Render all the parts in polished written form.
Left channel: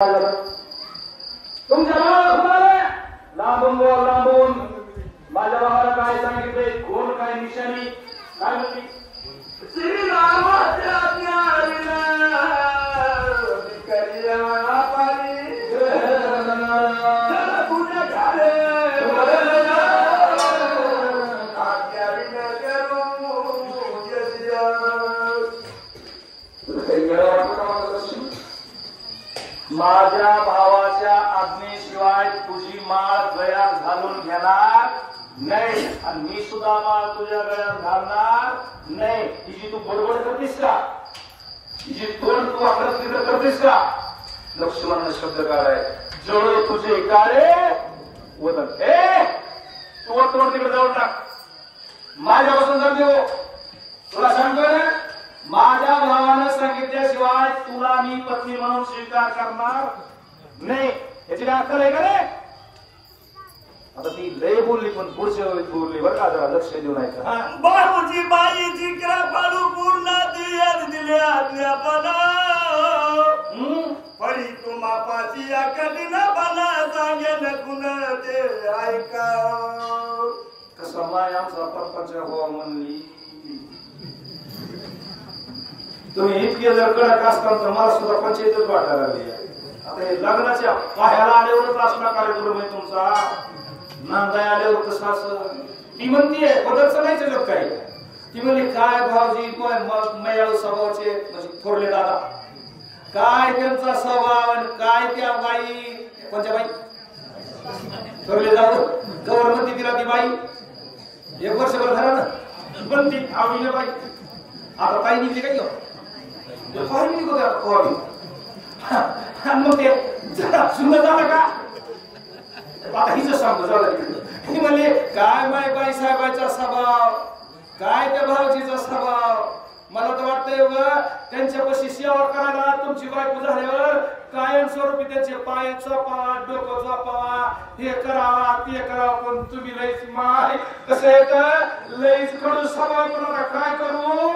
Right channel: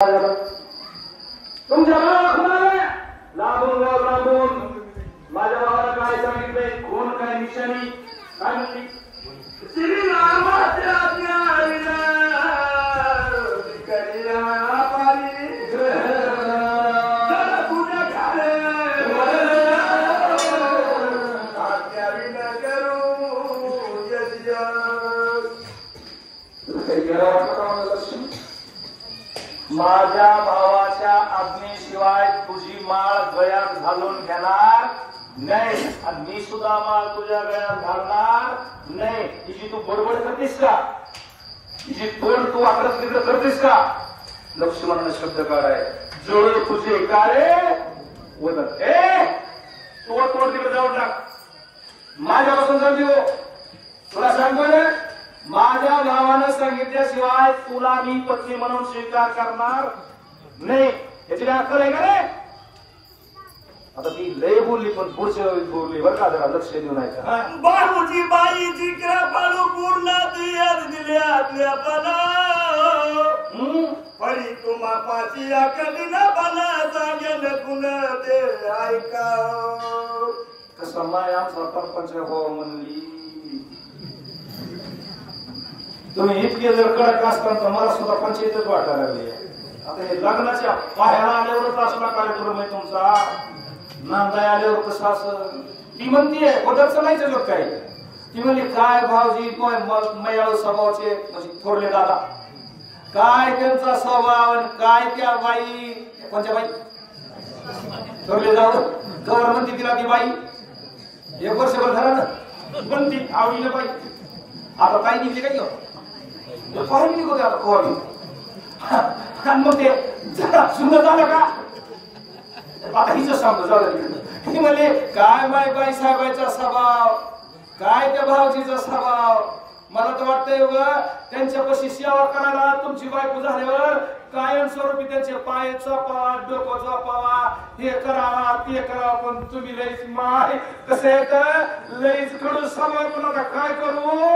तुमच्या भावाला लांबून लांबून माझ्या भावाला काय सांगितले, कोण काय निशाणी काय म्हणली? श्रीरामाच्या ज्ञानीला करिया पारी जरा तुझ्या घाले आज्ञावी न करू यज्ञ माझ्या भावाच्या आज्ञेशिवाय तुझी माळ गळ्यात घालून घेणार नाही आणि मी सुद्धा माळ तुझ्या गळ्यात घालणार नाही. तिची तू बडबड करतेस का? तिची तोंड तू आक्रस्थित करतेस का? लक्ष्मण शब्द काढाय जळ तुझे काळे वदन. तू तोंड तिकडे जाऊन टाक. माझ्यापासून सांगतो, तुला सांगतोय ना, माझ्या भावानं सांगितल्याशिवाय तुला मी पती म्हणून स्वीकार करणार नाही. याची काय अक्कल आहे का रे? आता ती लय बोलली पण पुढच्या वेळी बोलली बरं का, जरा लक्ष देऊ नये का? बाबूजी बाईची कृपाळू पूर्ण दिली आज्ञापना परी तुम्हा पाची अकली न बना सांगेन कुण ते ऐका. कसं माय आमचा परपंच हो म्हणली. तुम्ही इतके जर कडक असताना तर मला सुद्धा पंचायतच वाटायला लागली. आता हे लग्नाच्या पाहायला आल्यावरच असला कार्यक्रम आहे तुमचा, नांदाय आल्यावर कसं असं? ती म्हणतीये बदलचं नाही जगत काही. ती म्हणली काय भाऊजी मयाळू स्वभावाचे म्हणजे थोरले दादा, काय त्यांचा स्वभाव आणि काय त्या बाई, कोणत्या बाई थोरले दादा कवर म्हणती तिला ती बाई. एक वर्षभर झाला ना म्हणती आवडीला बाई. आता काही निघली काय पाहिजे निघतो आता कोणी आणि मग ते जरा सुंदर झालं का? आता हिच सांगतो झालं. ही म्हणले काय बाई साहेबांचा स्वभाव, काय त्या भाऊजीचा स्वभाव. मला तर वाटतंय त्यांच्यापाशी सेवा करायला तुमची बायको झाल्यावर कायमस्वरूपी त्यांचे पाय चोपावा, डोकं चोपावा, हे करावा ते करावा. पण तुम्ही लईच माय कसे लईच कडू स्वभाव. पण आता काय करू?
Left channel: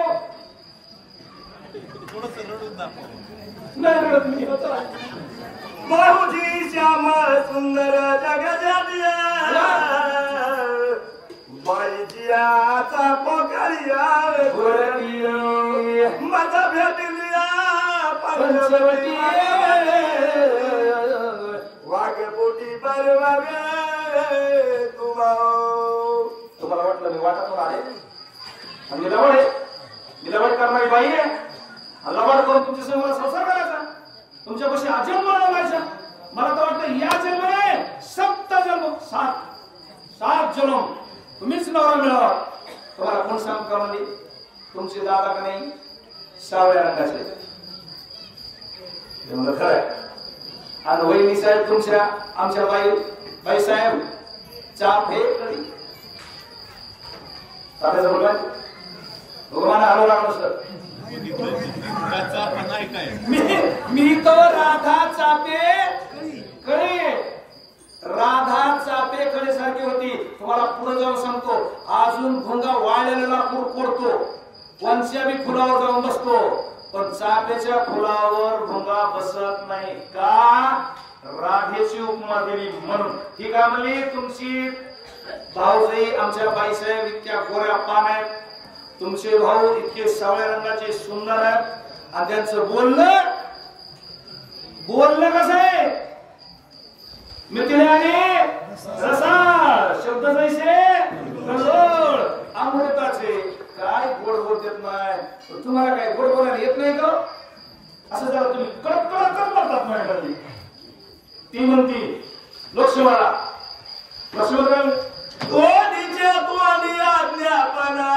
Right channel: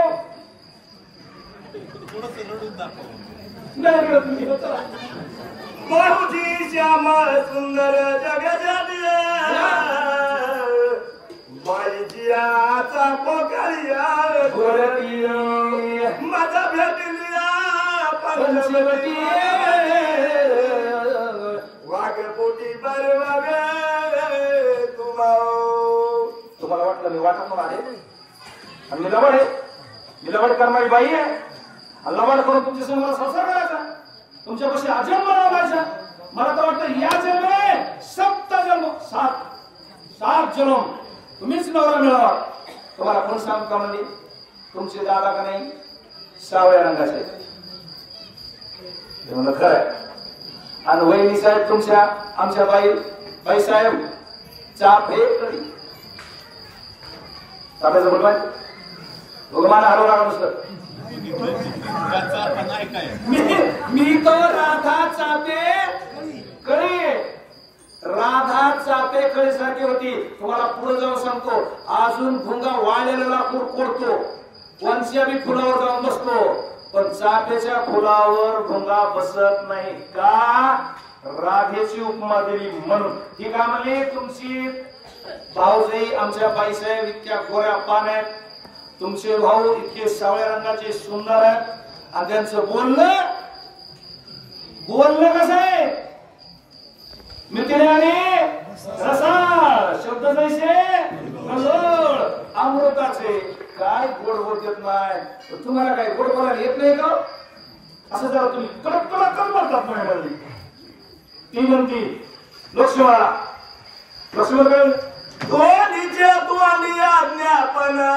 बाबूजी श्यामा सुंदर जगजादिया बाईची आता पोकळिया माझा भेटलिया पंचवटी वाघपोटी बरवावे तुम्हाला वाटलं मी वाटत आले आणि मिलावड करणारी बाई आहे. लबाड करून तुमच्या समोर संसार करायचा, तुमच्यापाशी अजन्म लावायचा. मला तर वाटतं या जन्माने 7 जन्म 7 जन्म तुम्हीच नवरा मिळवा. तुम्हाला कोण सांग का म्हणजे तुमचे दादा का नाही सावळ्या रंगाचे म्हणलं खरंय. आणि वहिनी साहेब तुमच्या आमच्या बाई साहेब चाफे तात्याचं मुलगा भगवान हरव लागलं सर. मी तो राधा चापे कळे सारखी होती. तुम्हाला पुढे जाऊन सांगतो, अजून भुंगा वाळलेला लाकूड कोरतो, वंच्या बी फुलावर जाऊन बसतो, पण चाफ्याच्या फुलावर भुंगा बसत नाही का? राधेची उपमा दिली म्हणून. ही काय म्हणली तुमची भाऊजाई आमच्या बाईसाहेब इतक्या गोऱ्या पाण्यात, तुमचे भाऊ इतके सावळ्या रंगाचे सुंदर आहेत. आणि त्यांचं बोलणं कसं आहे? मिथिलाने रसाळ शब्द जैसे नजर अमृताचे. काय गोड बोलत नाही. तुम्हाला काय गोड बोलायला येत नाही का? असं जरा तुम्ही कडक बोलतात माझ्यामध्ये. ती म्हणती लक्ष्मण तो निजे तो आणि आज्ञापना